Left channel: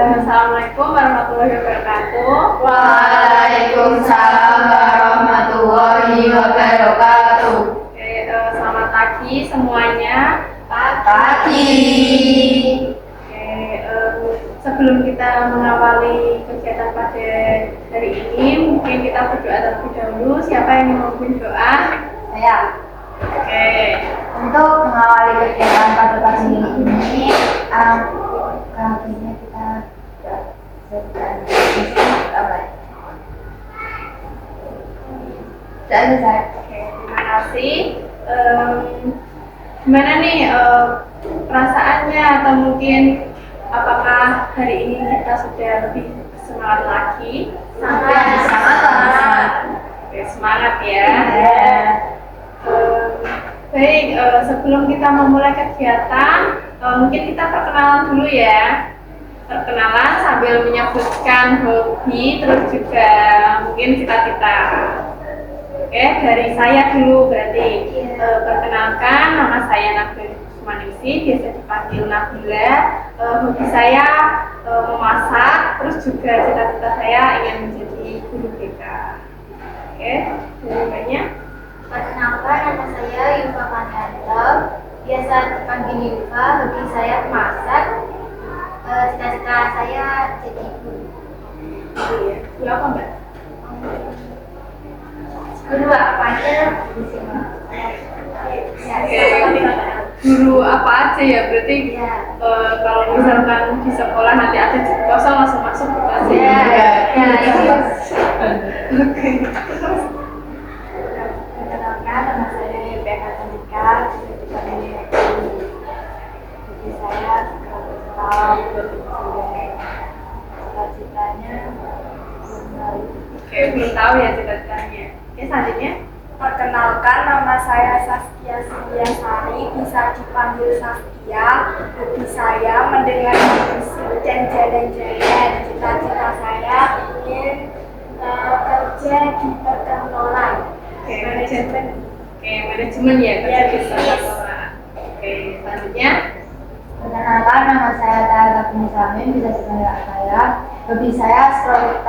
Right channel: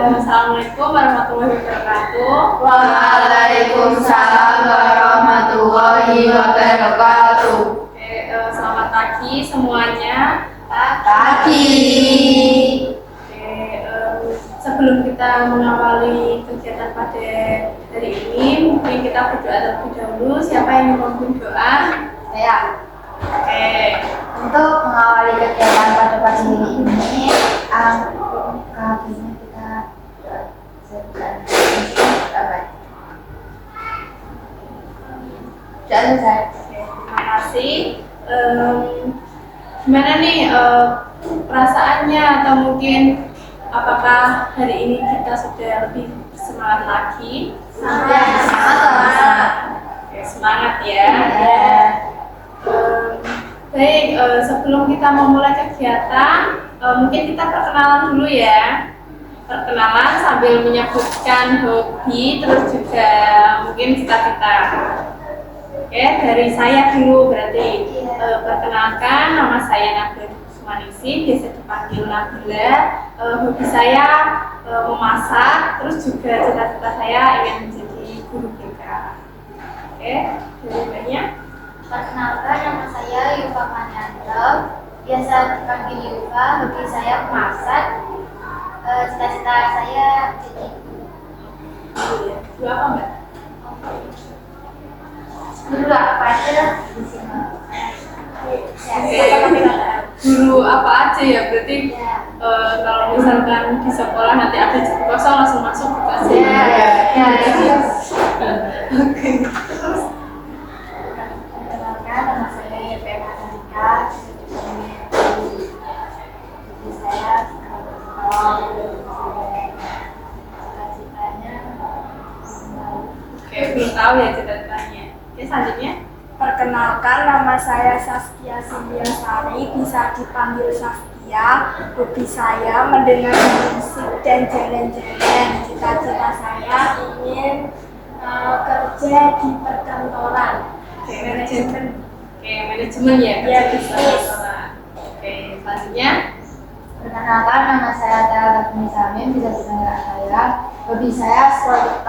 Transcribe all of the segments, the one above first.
Assalamualaikum warahmatullahi wabarakatuh. Waalaikumsalam warahmatullahi wabarakatuh. Selamat pagi semuanya. Pagi. Sebelum kita mengawali kegiatan pada hari ini, mungkin kita berdoa terlebih dahulu. Siapa yang mau memimpin doa? Saya. Untuk mengawali kegiatan pada pagi ini, kayaknya kita sudah selesai. Terima kasih. Gimana nih perasaannya, atau mungkin apakah hari ini kita sudah lebih semangat lagi? Semangat. Semangat ya. Baik, sebelum kita memulai kegiatan, mungkin kita perkenalan dulu ya. Perkenalan sambil menyebutkan hobi, terus juga mungkin cita-cita. Oke, dari saya dulu berarti. Perkenalkan, nama saya Nabila Sumaningsih, biasa dipanggil Nabila. Hobi saya memasak, terus juga cita-cita saya ingin menjadi guru BK. Oke, dari banyak. Perkenalkan, nama saya Yufa Maryanto, biasa dipanggil Yufa. Hobi saya memasak, cita-cita saya jadi guru. Ya. Guru apa Mbak? Guru apa aja di sini? Guru apa aja ya, berarti Ya. kalau misalkan di sekolah nanti ada jam kosong langsung masuk ke kelas Ya. Oke. Perkenalkan, nama saya Yufa Maryanto, hobi saya cita-citanya Oke, belum tahu ya cita-citanya. Oke, selanjutnya. Perkenalkan, nama saya Saskia Sindiasari, bisa dipanggil Saskia. Hobi saya mendengar musik dan jalan-jalan. Cita-cita saya ingin kerja di perkantoran. Oke, manajemen. Oke, manajemen ya, kerja Ya, di bisnis. perkantoran. Oke, selanjutnya. Perkenalkan, nama saya Tara Samin, bisa dipanggil saya. Hobi saya stroke,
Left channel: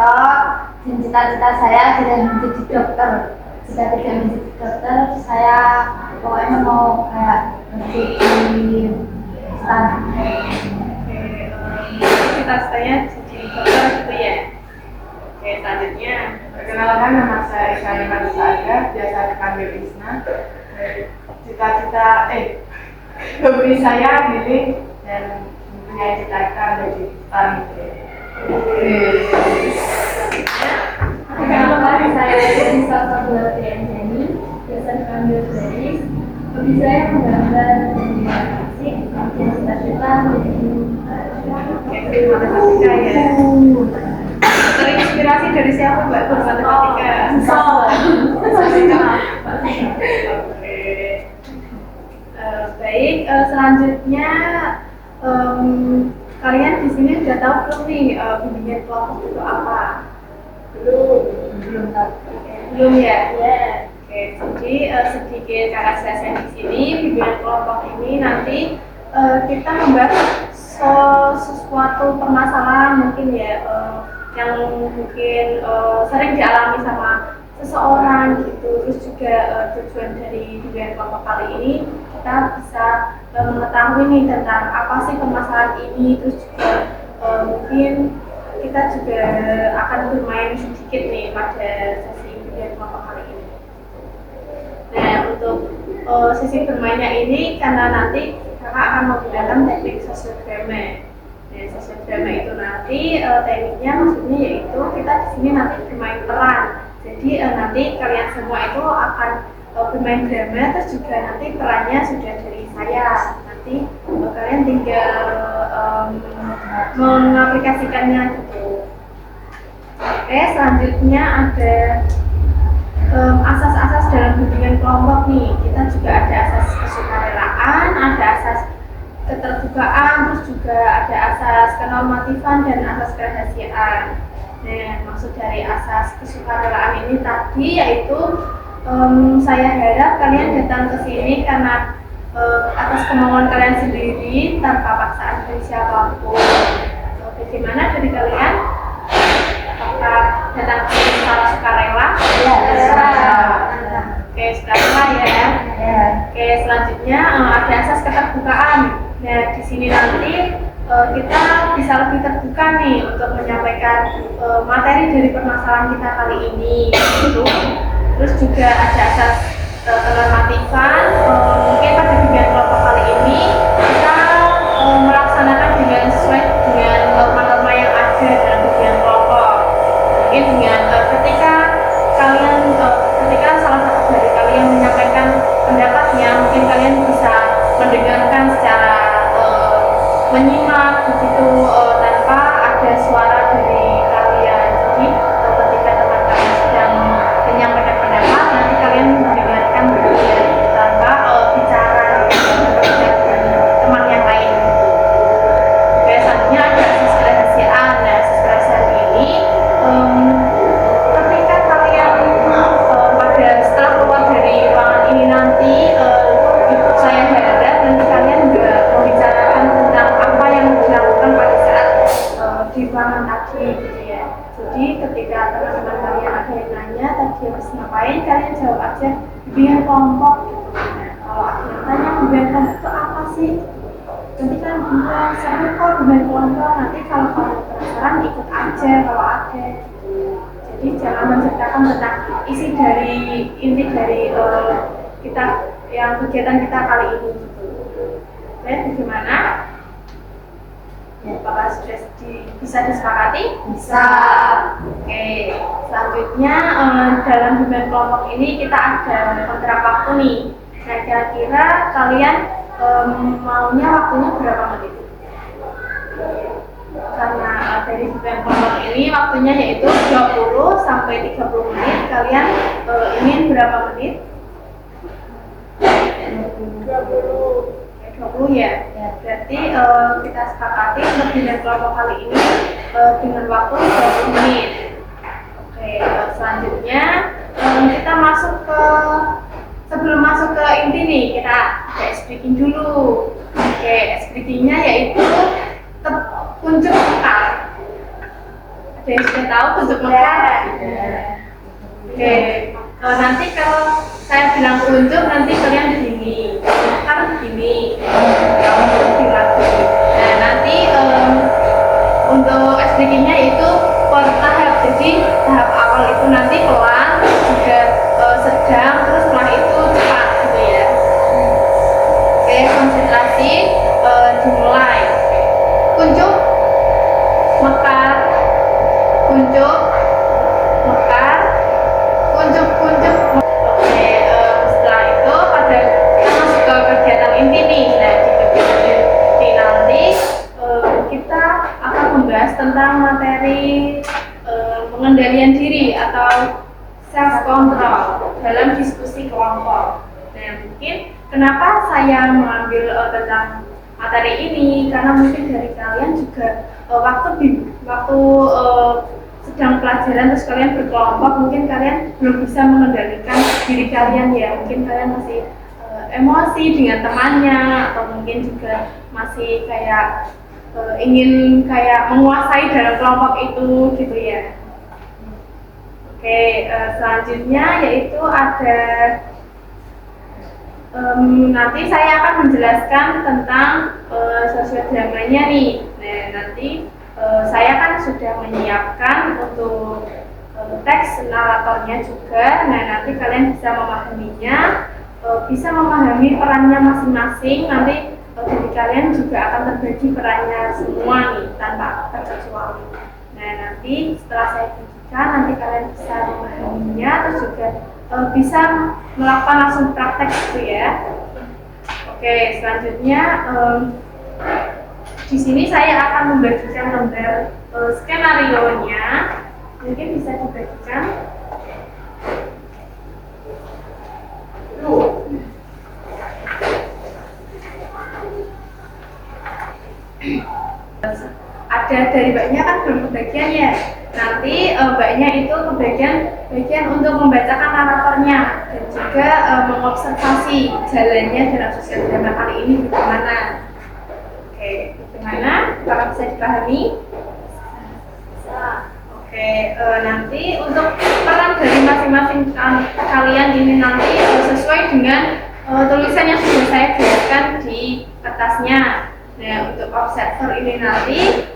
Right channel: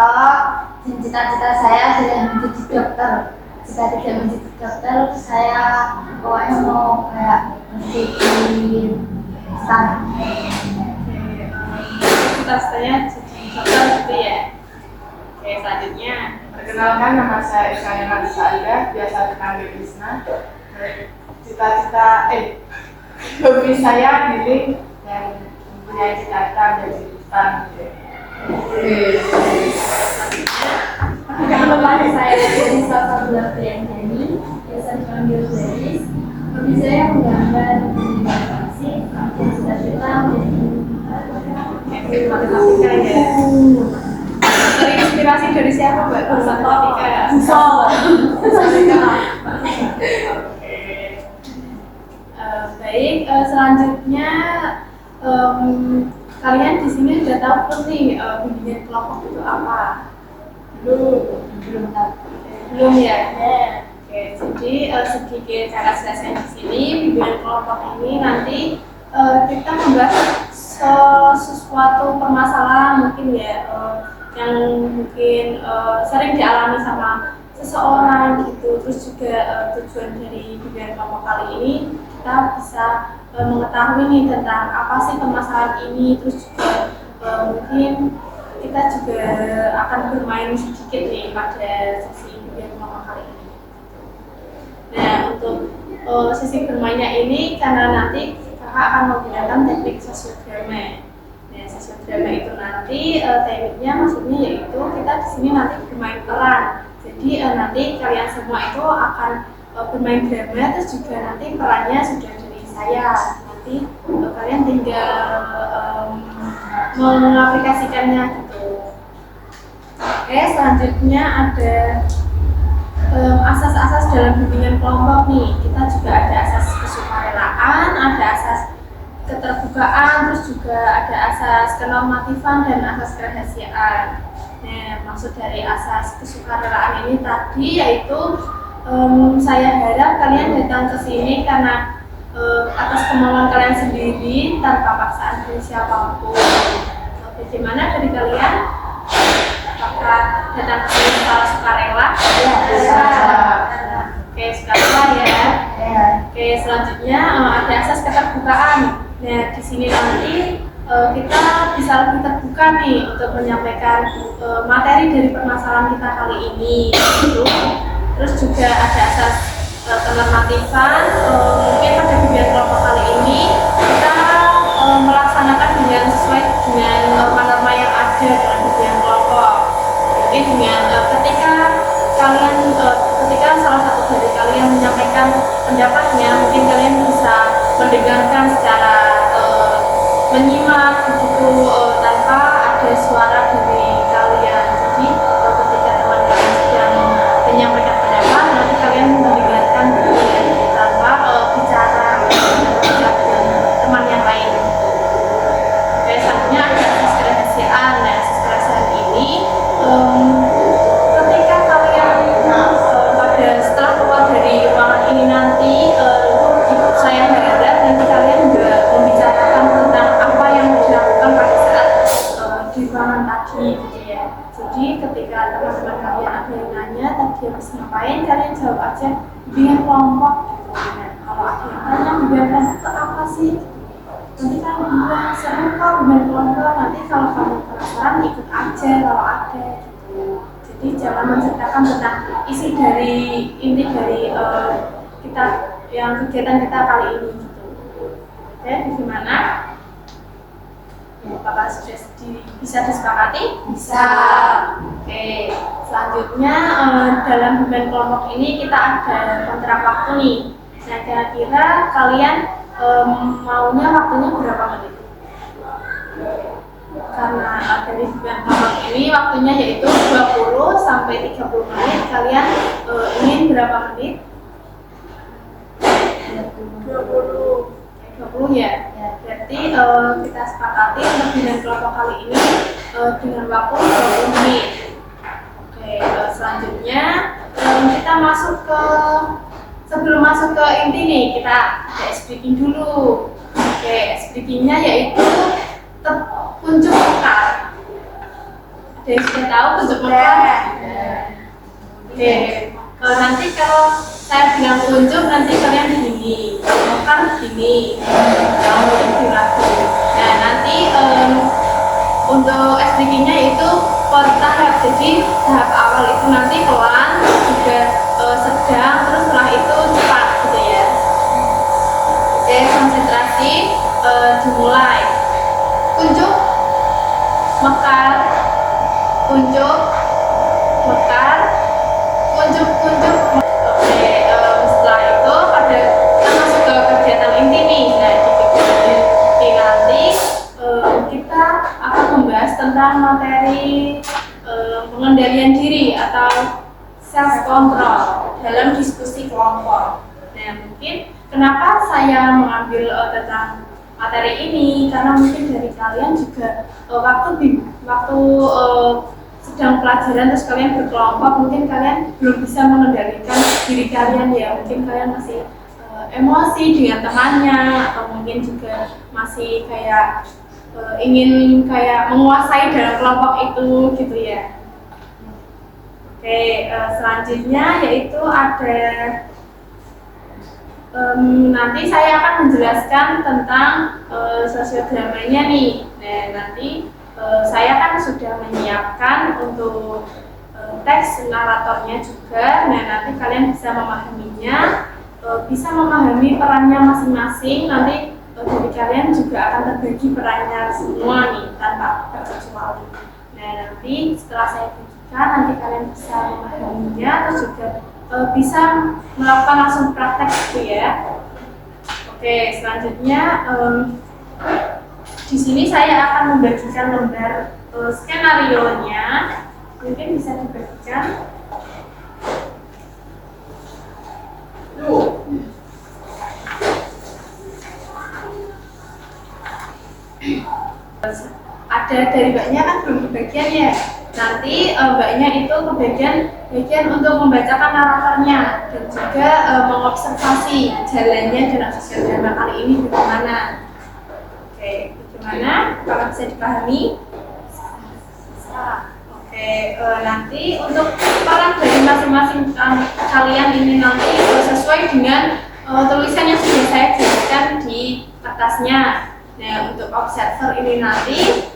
dan cita-cita saya adalah menjadi dokter. Jika tidak menjadi dokter, saya pokoknya mau kayak menjadi stan. Oke, cita-citanya jadi dokter gitu ya. Oke, selanjutnya. Perkenalkan, nama saya Eka Yana Saada, biasa dipanggil Isna. Hobi saya healing dan mempunyai cita-cita menjadi stan. Perkenalkan, saya dari Salsabila Priyanjani, biasa dipanggil Felis. Hobi saya menggambar dan musik, dan cita-cita menjadi guru. Oke, guru matematika ya. Terinspirasi dari siapa Mbak guru matematika? Oke. Baik, selanjutnya kalian di sini udah tahu belum nih bimbingan kelompok itu apa? Belum tahu. Belum ya? Oke, jadi sedikit cara jelaskan di sini, bimbingan kelompok ini nanti kita membahas sesuatu permasalahan mungkin ya yang mungkin sering dialami sama seseorang gitu. Terus juga tujuan dari bimbingan kelompok kali ini kita bisa mengetahui nih tentang apa sih permasalahan ini. Terus juga mungkin kita juga akan bermain sedikit nih pada sesi bimbingan kelompok kali ini. Nah, untuk sesi bermainnya ini karena nanti kakak akan menggunakan teknik sosiodrama. Nah, sosiodrama itu nanti tekniknya maksudnya yaitu kita di sini nanti bermain peran. Jadi nanti kalian semua itu akan bermain drama, terus juga nanti perannya sudah dari saya. Nanti kalian tinggal mengaplikasikannya gitu. Oke, selanjutnya ada asas-asas dalam bimbingan kelompok nih. Kita juga ada asas kesukarelaan, ada asas keterbukaan, terus juga ada asas kenormatifan dan asas kerahasiaan. Nah, maksud dari asas kesukarelaan ini tadi yaitu saya harap kalian datang ke sini karena atas kemauan kalian sendiri tanpa paksaan dari siapapun. bagaimana dari kalian? Apakah datang ke sini secara sukarela? Ya, Oke, sukarela ya. ya. Oke, selanjutnya ada asas keterbukaan. Nah, di sini nanti kita bisa lebih terbuka nih untuk menyampaikan materi dari permasalahan kita kali ini. Gitu. Terus juga ada asas kenormatifan. Mungkin pada bimbingan kelompok kali ini kita melaksanakan dengan sesuai dengan norma-norma yang ada dalam bimbingan kelompok. Mungkin dengan ketika salah satu dari kalian menyampaikan pendapatnya, mungkin kalian bisa mendengarkan secara menyimak begitu tanpa ada suara dari kalian. Jadi ketika teman kalian sedang menyampaikan pendapat, nanti kalian mendengarkan begitu ya, tanpa bicara dengan teman yang lain. Oke, selanjutnya ada asas kerahasiaan. Nah, asas kerahasiaan ini ketika kalian setelah keluar dari ruangan ini nanti, saya harap nanti kalian juga membicarakan tentang apa yang dilakukan pada saat di ruangan tadi gitu ya. Jadi ketika teman-teman kalian ada yang nanya tadi habis ngapain, kalian jawab aja bimbingan kelompok gitu. Nah, kalau ada yang tanya bimbingan kelompok itu apa sih? Nanti kan bilang seru kok bimbingan kelompok, nanti kalau kamu penasaran ikut aja kalau ada gitu. Jadi jangan menceritakan tentang inti dari kita yang kegiatan kita kali ini gitu. Oke, bagaimana? Apakah sudah bisa disepakati? Bisa. Oke, selanjutnya dalam bimbingan kelompok ini kita ada kontrak waktu nih. Nah, kira-kira kalian maunya waktunya berapa menit? Karena dari bimbingan kelompok ini waktunya yaitu 20 sampai 30 menit. Kalian ingin berapa menit? 20. 20 ya? Berarti kita sepakati untuk bimbingan kelompok kali ini dengan waktu 20 menit. Oke, selanjutnya kita sebelum masuk ke inti nih, kita ada ice breaking dulu. Oke, ice breakingnya yaitu kuncup mekar. Ada yang sudah tahu kuncup mekar? Oke, nanti kalau saya bilang kuncup, nanti kalian begini, mekar begini, kamu kuncup di lagu. Nah, nanti untuk ice breakingnya itu per tahap. Jadi tahap awal itu nanti pelan, juga sedang, terus setelah itu cepat gitu ya. Oke, konsentrasi dimulai. Kuncup, mekar, kuncup, mekar, kuncup, kuncup. Oke, setelah itu kita masuk ke kegiatan inti nih. Nah, di kegiatan inti nanti kita akan membahas tentang materi pengendalian diri atau self control dalam diskusi kelompok. Nah, mungkin kenapa saya mengambil tentang materi ini, karena mungkin dari kalian juga waktu sedang pelajaran terus kalian berkelompok, mungkin kalian belum bisa mengendalikan diri kalian ya. Mungkin kalian masih emosi dengan temannya, atau mungkin juga masih kayak ingin kayak menguasai dalam kelompok itu gitu ya. Oke, selanjutnya yaitu ada nanti saya akan menjelaskan tentang sosiodramanya nih. Nah, nanti saya kan sudah menyiapkan untuk teks naratornya juga. Nah, nanti kalian bisa memahaminya, bisa memahami perannya masing-masing. Nanti dari kalian juga akan terbagi perannya semua nih tanpa terkecuali. Nah, nanti setelah saya bagikan, nanti kalian bisa memahaminya, terus juga bisa melakukan langsung praktek gitu ya. Oke, selanjutnya di sini saya akan membagikan lembar skenario-nya. Mungkin bisa dibagikan. Ada dari mbaknya kan belum kebagian ya. Nanti mbaknya itu bagian untuk membacakan naratornya dan juga mengobservasi jalannya dalam sosiodrama kali ini bagaimana. Oke, bagaimana? Apakah bisa dipahami? Nanti untuk peran dari masing-masing kalian ini nanti sesuai dengan tulisan yang sudah saya jelaskan di kertasnya. Nah, untuk observer ini nanti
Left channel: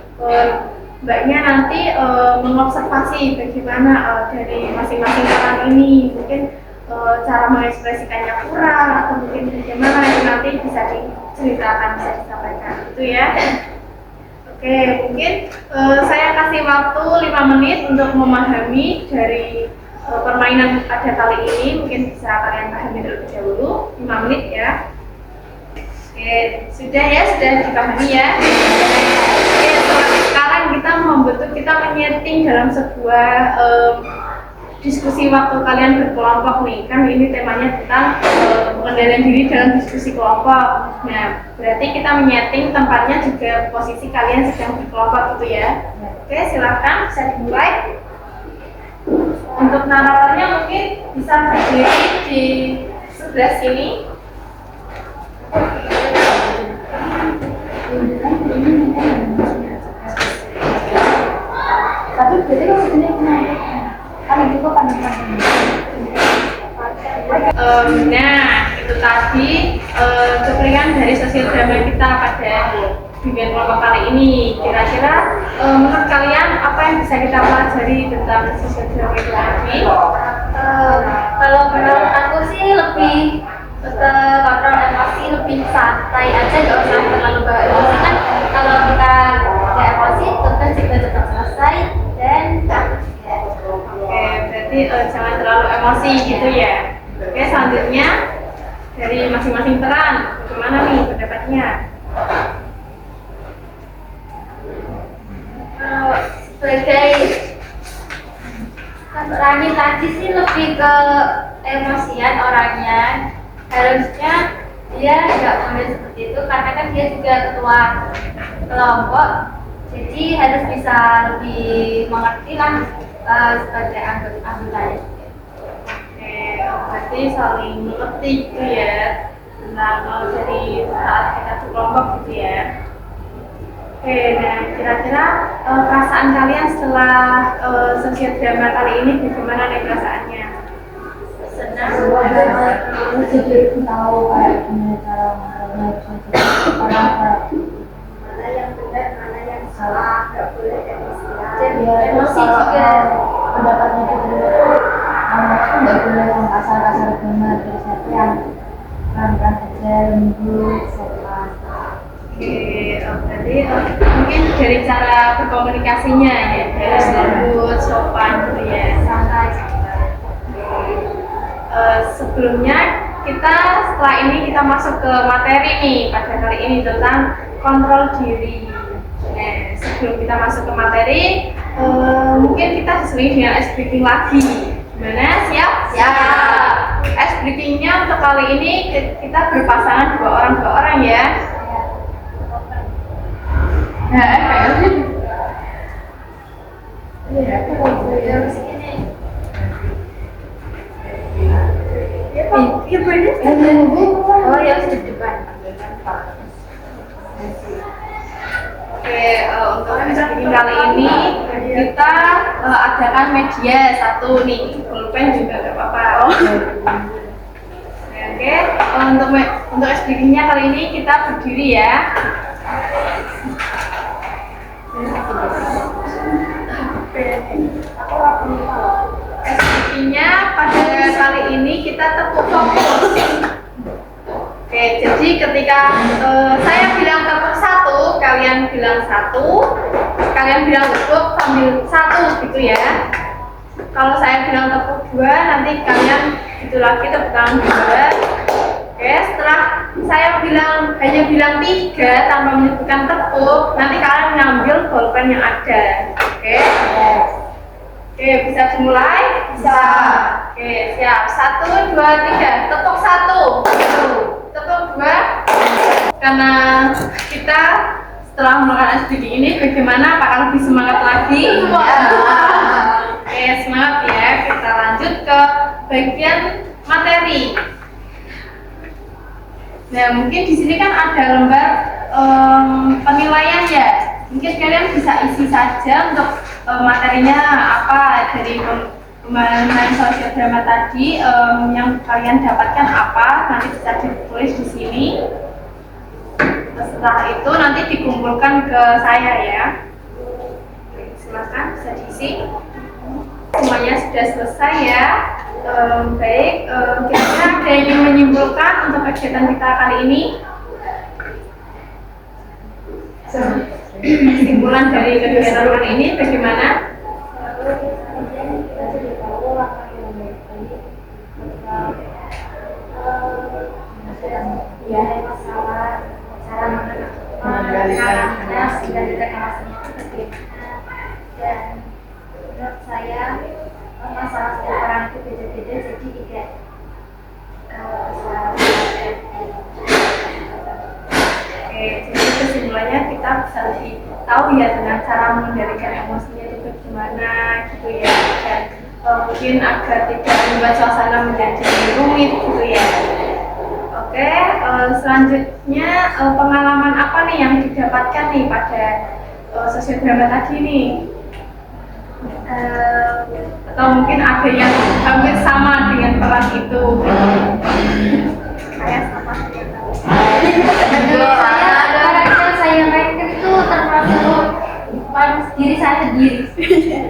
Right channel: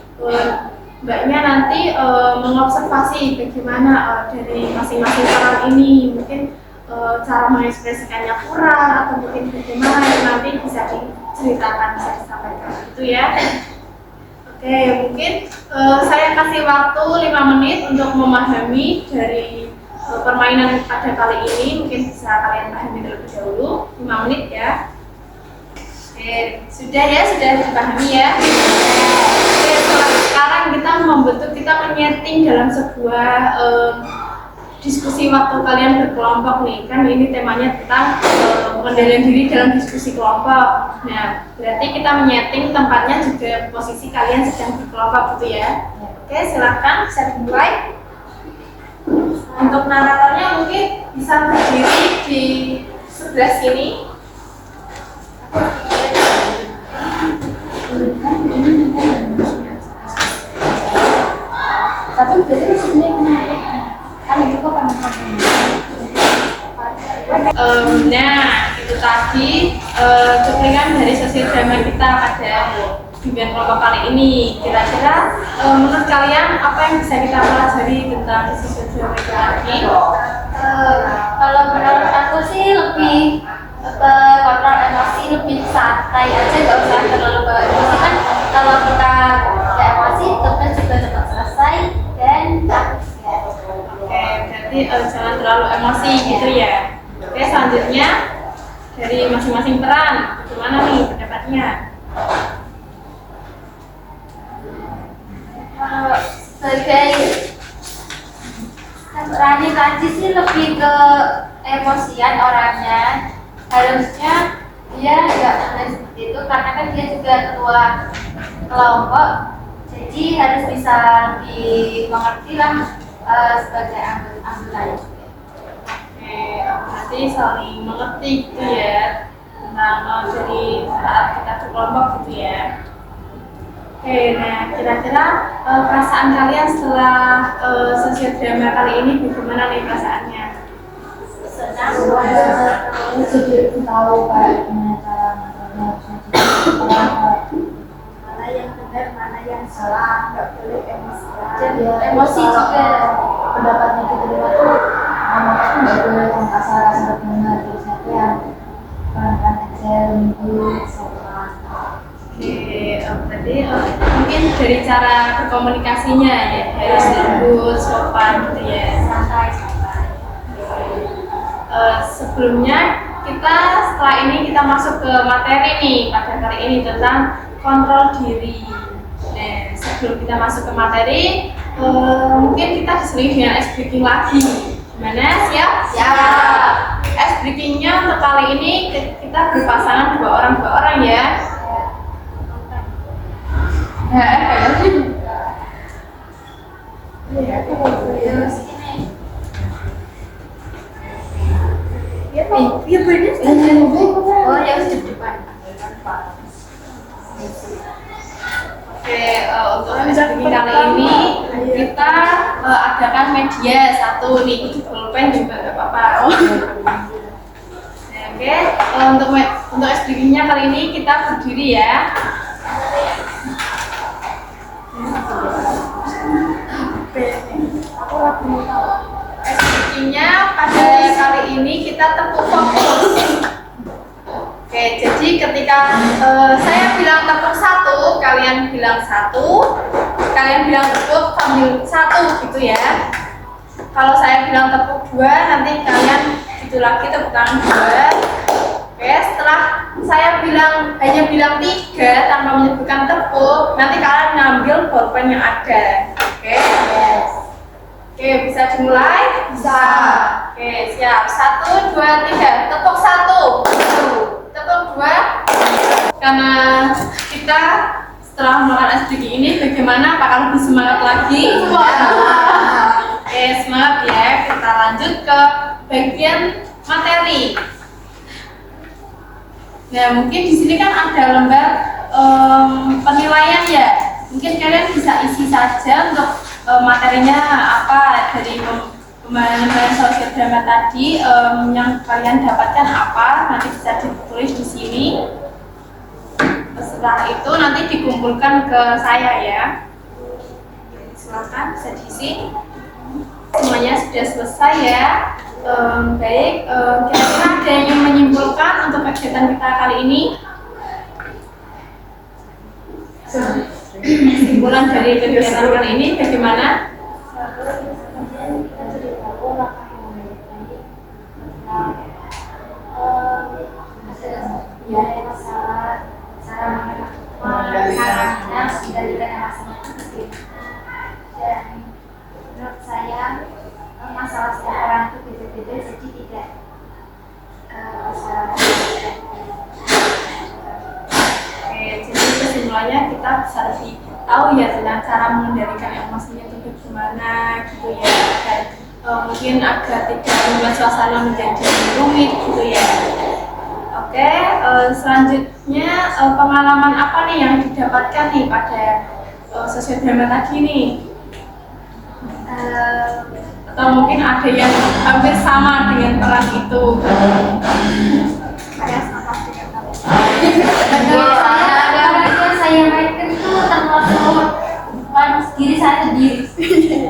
mbaknya nanti mengobservasi bagaimana dari masing-masing peran ini, mungkin cara mengekspresikannya kurang atau mungkin bagaimana itu nanti bisa diceritakan, bisa disampaikan itu ya. Oke, mungkin saya kasih waktu 5 menit untuk memahami dari permainan pada kali ini. Mungkin bisa kalian pahami terlebih dahulu, 5 menit ya. Oke, sudah ya, sudah dipahami ya. Oke, sekarang kita menyeting dalam sebuah diskusi waktu kalian berkelompok nih. Kan ini temanya tentang pengendalian diri dalam diskusi kelompok. Nah, berarti kita menyeting tempatnya juga posisi kalian sedang berkelompok gitu ya. Oke, silakan bisa dimulai. Untuk naratornya mungkin bisa berdiri di sebelah sini. Tapi berarti kan sebenarnya menarik. Kan itu kok pandang-pandang. Nah, itu tadi cuplikan dari sosial drama kita pada bimbingan kelompok kali ini. Kira-kira menurut kalian apa yang bisa kita pelajari tentang sosial drama itu tadi? Kalau menurut aku sih lebih kontrol emosi, lebih santai aja, nggak usah terlalu bawa emosi. Kan kalau kita nggak emosi, tugas juga cepat selesai dan bagus ya. Oke, berarti jangan terlalu emosi gitu ya. Oke, selanjutnya dari masing-masing peran, bagaimana nih pendapatnya? Sebagai Rani tadi sih lebih ke emosian orangnya. Harusnya dia nggak boleh seperti itu karena kan dia juga ketua kelompok, jadi harus bisa lebih mengerti lah sebagai anggotanya. Oke, berarti saling mengerti gitu ya tentang dari saat kita berkelompok gitu ya. Oke, nah kira-kira perasaan kalian setelah sosial drama kali ini bagaimana nih perasaannya? Senang. Jadi tahu kayak gimana cara harusnya orang Mana yang benar, mana yang salah, nggak boleh emosian. Jadi ya, emosi kalau juga. pendapatnya diterima tuh mama tuh nggak boleh yang kasar-kasar banget, terus nanti yang pelan-pelan aja, lembut, sopan. Oke, berarti mungkin dari cara berkomunikasinya ya harus lembut, sopan gitu ya. Santai. Sebelumnya setelah ini kita masuk ke materi nih pada kali ini tentang kontrol diri. Nah, sebelum kita masuk ke materi, mungkin kita diselingi dengan ice breaking lagi. Gimana? Siap? Siap. Ice breakingnya untuk kali ini kita berpasangan dua orang ya. Nah, kayak sih. Iya, aku mau Iya bener. Oh ya di depan. Oke, untuk SPG kali ini kita adakan media satu nih, pulpen juga nggak apa-apa. Nah, oke, untuk SPG-nya kali ini kita berdiri ya. SPG-nya pada kali ini kita tepuk fokus. Oke, jadi ketika saya bilang tepuk 1, kalian bilang 1, kalian bilang tepuk sambil 1 gitu ya. Kalau saya bilang tepuk 2, nanti kalian gitu lagi tepuk tangan 2. Oke, setelah saya hanya bilang 3 tanpa menyebutkan tepuk, nanti kalian ngambil bolpen yang ada. Oke? Yes. Oke, bisa dimulai? Bisa. Oke, siap. 1, 2, 3. Tepuk 1. Tepuk 2. Karena kita setelah melakukan SDG ini, bagaimana? Apakah lebih semangat lagi? Oke, semangat ya. Kita lanjut ke bagian materi. Nah, mungkin di sini kan ada lembar penilaian ya. Mungkin kalian bisa isi saja untuk materinya apa dari pemahaman sosial drama tadi, yang kalian dapatkan apa, nanti bisa ditulis di sini. Setelah itu nanti dikumpulkan ke saya ya. Silakan bisa diisi. Semuanya sudah selesai ya. Baik, kira-kira ada yang ingin menyimpulkan untuk kegiatan kita kali ini? Kesimpulan dari kegiatan kali ini bagaimana? Kita jadi tahu langkah yang baik ketika ada masalah, cara mengenalinya, mengendalikan emosinya itu bagaimana. Dan menurut saya masalah setiap orang itu beda-beda, jadi tidak bisa. Oke, jadi kesimpulannya kita bisa lebih tahu ya tentang cara mengendalikan emosinya itu bagaimana gitu ya, dan mungkin agar tidak membuat suasana menjadi rumit gitu ya. Oke, selanjutnya pengalaman apa nih yang didapatkan nih pada sosiodrama tadi nih? Atau mungkin ada yang hampir sama dengan peran itu? Kayak sama dengan Menurut saya peran yang saya mainkan itu termasuk peran diri saya sendiri.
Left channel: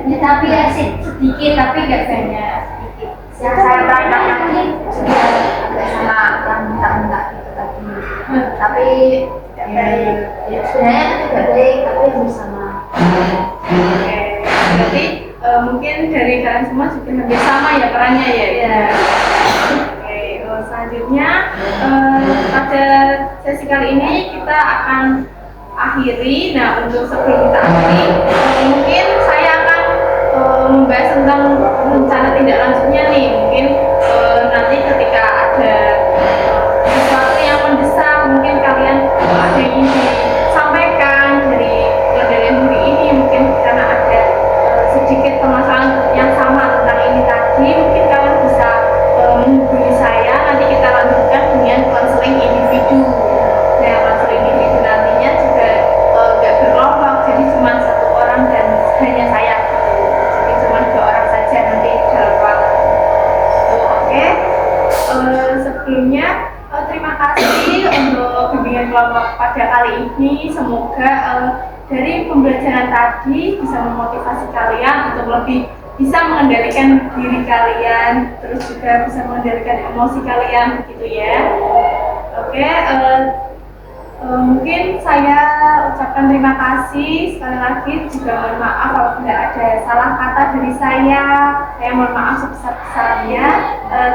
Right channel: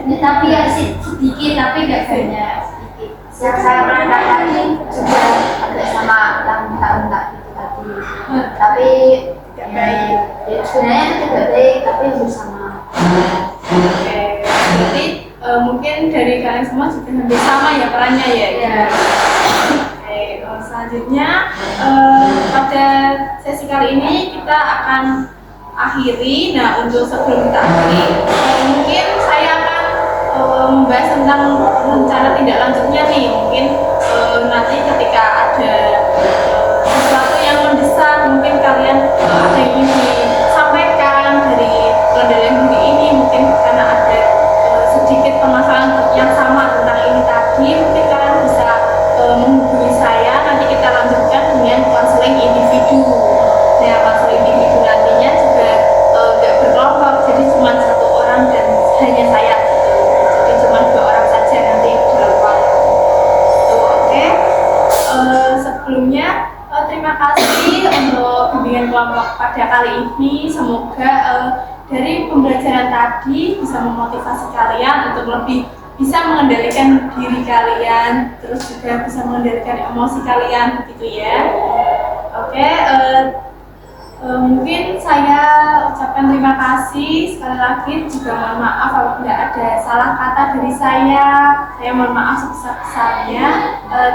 Ya, tapi ya sedikit, tapi nggak banyak, sedikit. Yang saya perankan tadi juga agak sama yang enggak gitu tadi, tapi ya sebenarnya itu tidak baik, tapi bersama. Oke, berarti mungkin dari kalian semua juga hampir sama ya perannya ya? Iya. Oke, selanjutnya pada sesi kali ini kita akan akhiri. Nah, untuk sebelum kita akhiri, mungkin saya akan membahas tentang rencana tindak lanjutnya nih. Mungkin nanti ketika ada sesuatu yang mendesak, mungkin kalian ada yang ingin disampaikan dari pengendalian diri ini, mungkin karena ada sedikit permasalahan yang sama tentang ini tadi, mungkin kalian bisa menghubungi saya, nanti kita lanjutkan dengan konseling individu. Nah, konseling individu nantinya juga nggak berkelompok, jadi cuma satu orang dan hanya saya gitu. Jadi cuma 2 orang saja nanti dalam waktu itu. Oke. Sebelumnya terima kasih untuk bimbingan kelompok pada kali ini. Semoga dari pembelajaran tadi bisa memotivasi kalian untuk lebih bisa mengendalikan diri kalian, terus juga bisa mengendalikan emosi kalian, begitu ya. Oke, mungkin saya ucapkan terima kasih sekali lagi, juga mohon maaf apabila ada salah kata dari saya mohon maaf sebesar-besarnya.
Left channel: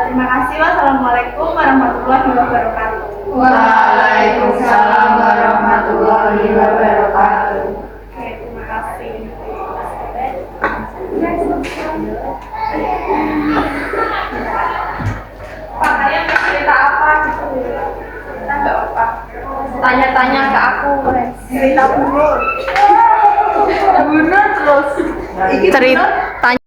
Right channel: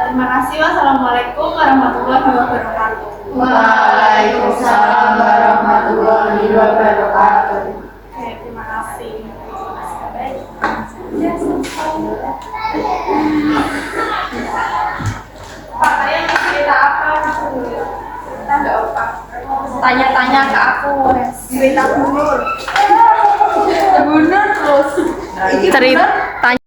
Terima kasih. Wassalamualaikum warahmatullahi wabarakatuh. Waalaikumsalam warahmatullahi wabarakatuh. Oke, terima kasih. Pak, kalian mau cerita apa? Cerita nggak apa? Tanya-tanya ke aku, cerita dulu. Bener terus. Cerita.